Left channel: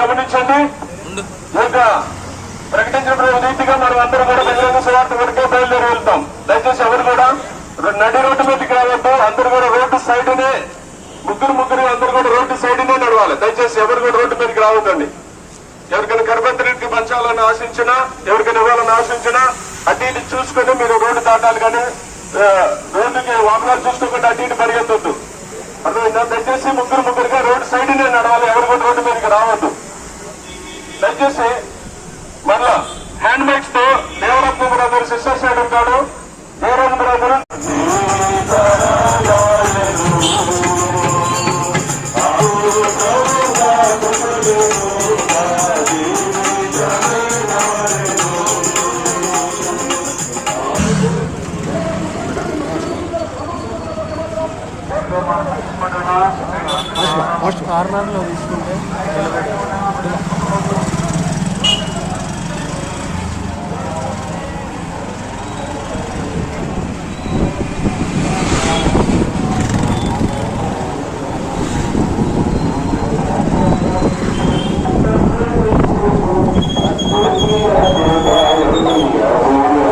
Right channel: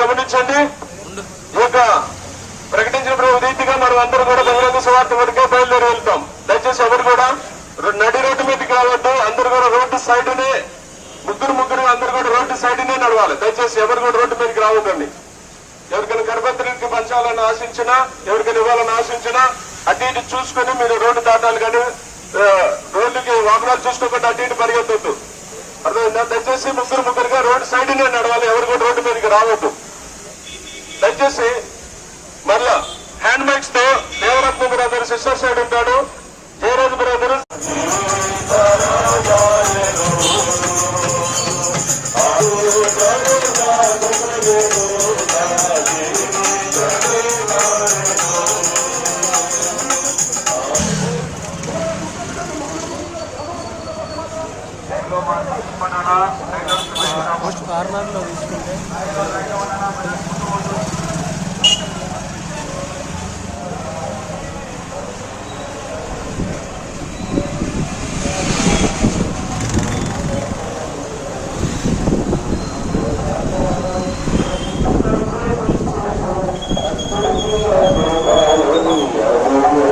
గమనించండి. ఈ యొక్క ప్రకటించిన రీతిగా మనం అందరూ కూడా బహిరంగ సువార్త వరకే బయలుదేరి వెళ్తాం. దయచేసి ఎవరు కూడా నడి రోడ్డు మీదకి రావద్దు. అందరూ కూడా రోడ్డు సైడ్నే ముగ్గురు అందరూ కూడా రోడ్డు సైడ్నే నడవాలి. దయచేసి ఎవరు కూడా రోడ్డు మీదకి రావద్దండి. ఎవరికైనా గర్భవతికి పంచాలని ఆశించినా, ఎవరికైనా ఇవ్వాలని ఆశించినా అటు ఇటు చూసుకుని మీరు రోడ్డు దాటాలి. కానీ రోడ్డుకి వాహనాలు చూసుకోకుండా అటు ఇటు పరిగెత్తొద్దు. అర్థమైందా? దయచేసి ముగ్గురుగా రోడ్డు సైడ్నే నడవాలి. ఎవరు కూడా రోడ్డు మీదకి రావద్దు. దయచేసి మరలా హ్యాండ్ బ్యాగ్స్ తో దేవరత్న బ్రదర్ సిస్టర్ సైడ్ ఉంటాడు. జయరాజ్ బ్రదర్ కార్నర్లో తీసుకుంటే